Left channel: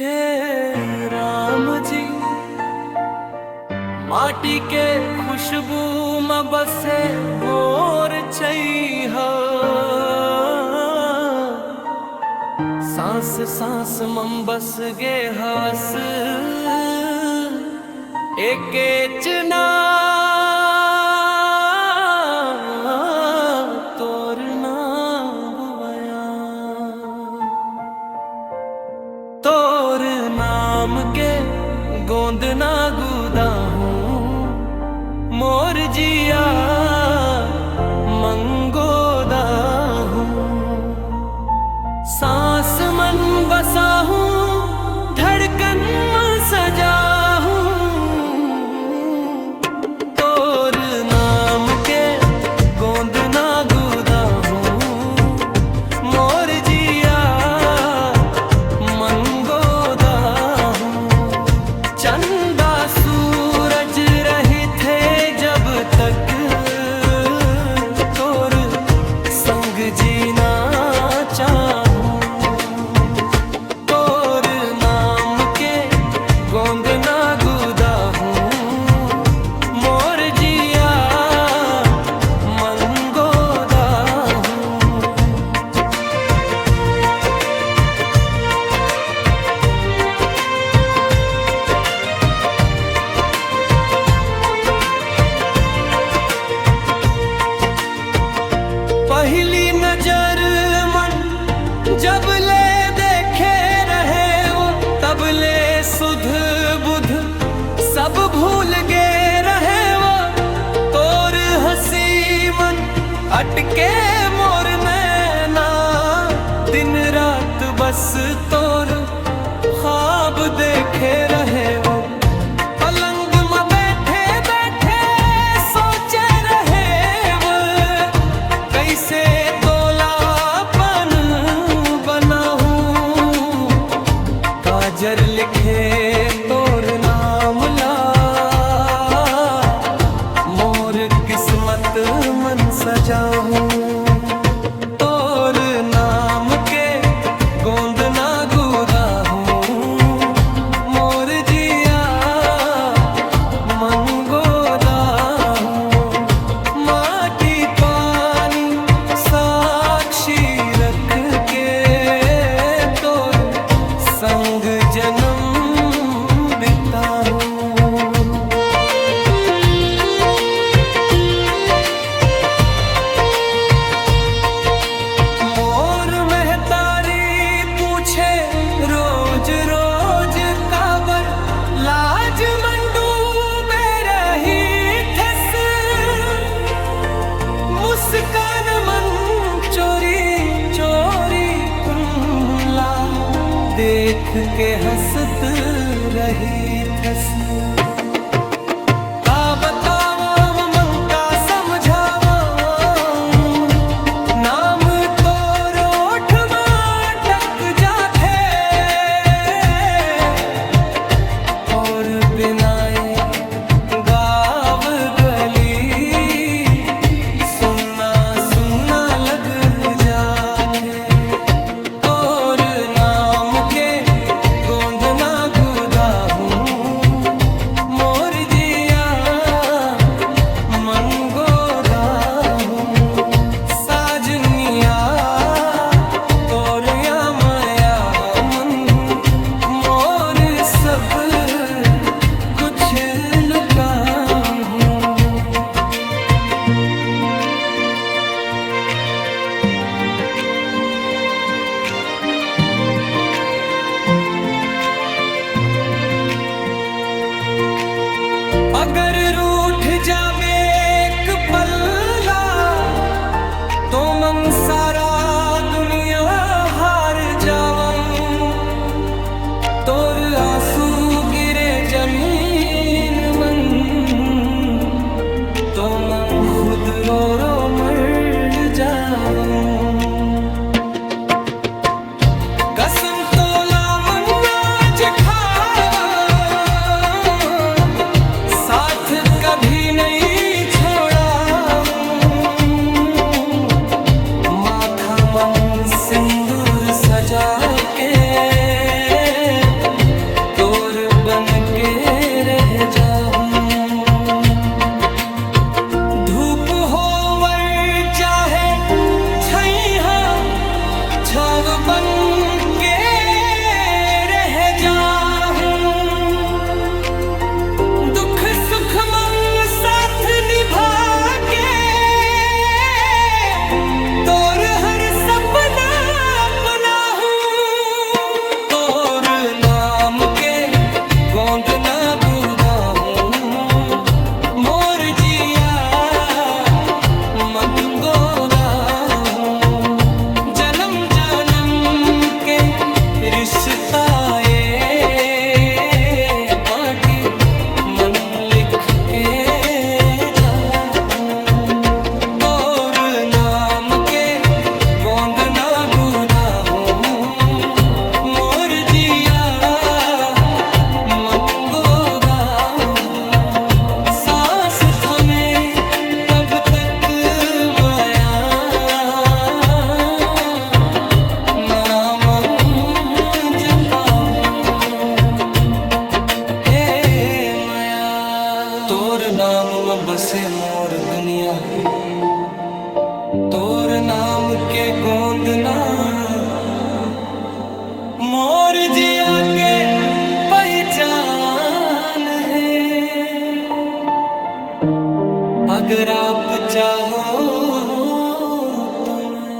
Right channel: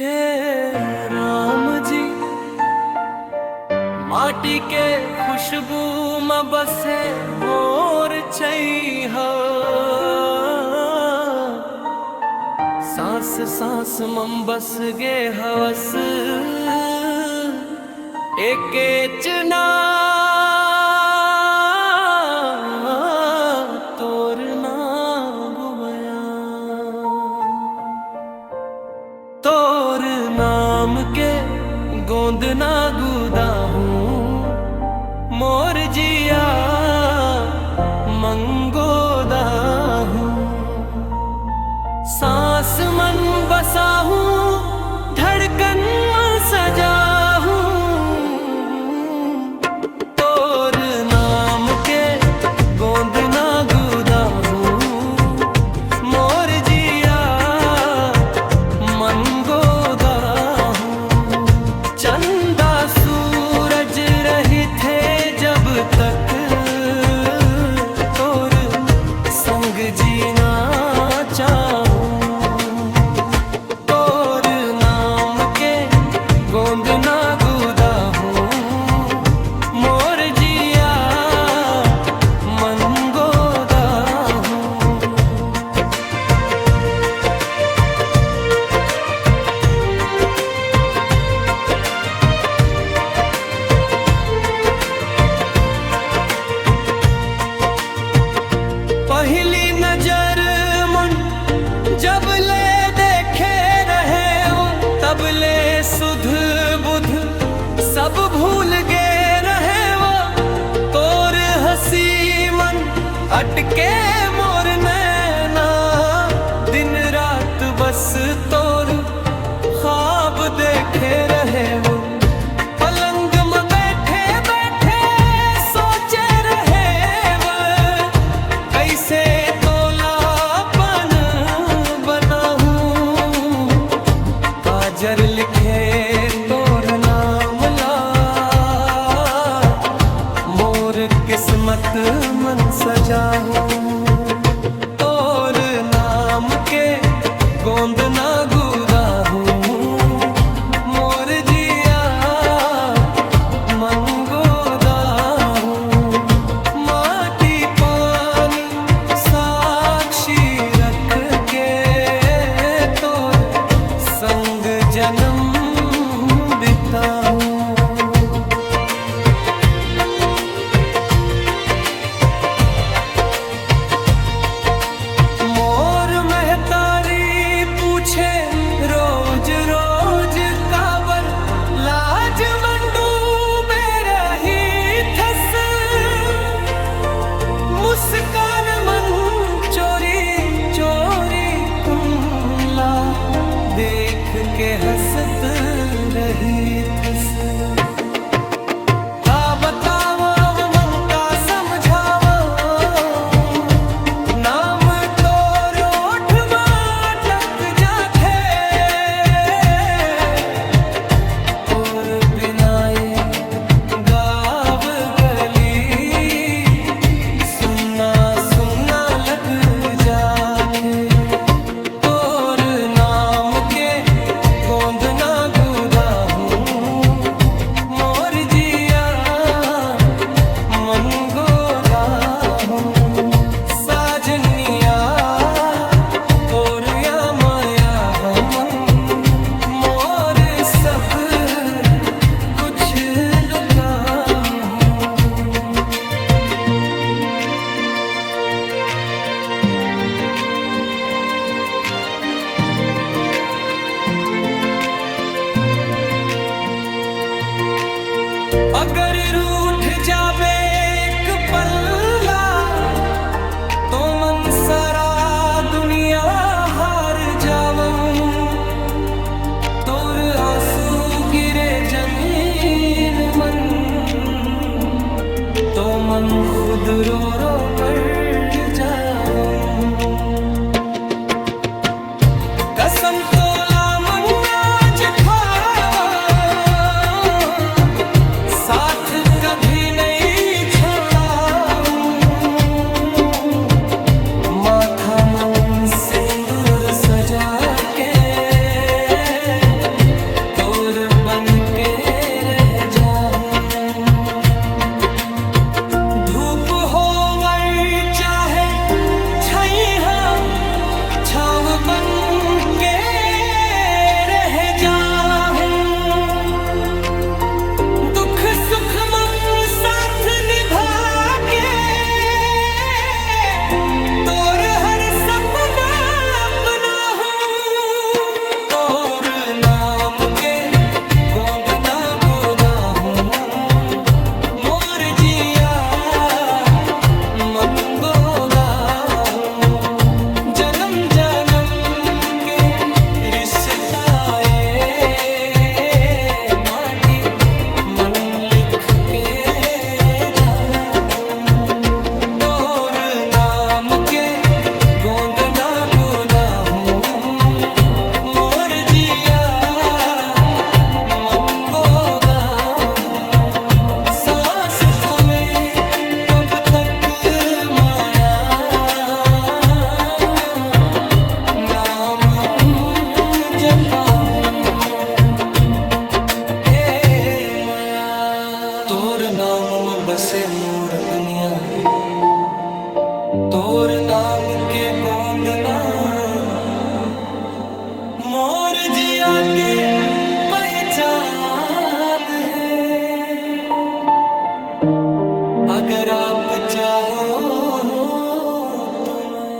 हे राम जी, माटी के खुशबू में बसे मोर छैहा, सांस सांस में बस गे हवस एके चना तोरना बुबया। तोर नाम के गोंद ना गुदा हूँ, मोर जिया मंगोदा हूँ। सांस मन बसा हूँ, धड़कन सजा हूँ। तोर नाम के गोंद ना गुदा हूँ, मोर जिया मंगोदा हूँ। चंदा सूरज रही थे जब तक, तोर संग जीना चाहूं। तोर नाम के गोंद ना गुदा हूँ, मोर जिया मंगोदा हूँ। पहली नजर मन जब ले देखे रहे वो, तब ले सुध बुध सब भूल गए रहे वो। तोर हंसी मन अटके मोर नैना, दिन रात बस तोर ख्वाब देखे रहे वो। पलंग में बैठे बैठे सोचे रहे वो, कैसे तोलापन बनाऊं। काजर लिखे तोर नाम ला, मोर किस्मत मन सजाऊं। तोर नाम के गोंद ना गुदा हूँ, मोर जिया मंगोदा हूँ। माटी पानी साक्षी रख के, तोर संग जन्म बिताऊं। मोर महतारी पूछे रोज रोज काबर, लाज मंडूबे रही थस। मुस्कान मन चोरी चोरी कुंला, देख के हंसत रही थस। का बतावो मंका समझावो, नाम तोर ओठ में अटक जाथे। तोर बिनाए गाव गली, सुनना सुनना लग जाथे। तोर नाम के गोंद ना गुदा हूँ, मोर जिया मंगोदा हूँ। साजनिया तोर या माया मन, मोर सब कुछ लुटा हूँ। अगर रूठ जाबे एक पल्ला, तो मन सारा दुनिया हार जावन। तोर आंसू गिरे जमीन मन, तो मन खुद रो रो मर जावन। कसम तोला मन आज खावा, साथ कभी नहीं छोड़ा हूँ। माथा मन सिंदूर सजा के मोर बन के रह जाऊं। धूप हो वर चाहे छैया छाव बन के रह जाऊं। दुख सुख मम साथ निभा के तोर हर सपना अपना हूँ। तोर नाम के गोंद ना गुदा हूँ। मोर जिया मंगोदा हूँ। जन्म जन्म के रिश्ता ये माटी मन लिख के जाऊं। तोर नाम के गोंद ना गुदा हूँ। मोर जिया मंगोदा हूँ। सांस थमे तब तक माया नाम जपा हूँ। हे माया तोर नाम में बसे मोर दुनिया। तोर नाम के गोंद ना मोर जिया के पहचान है। अगर आप चाहो तो मैं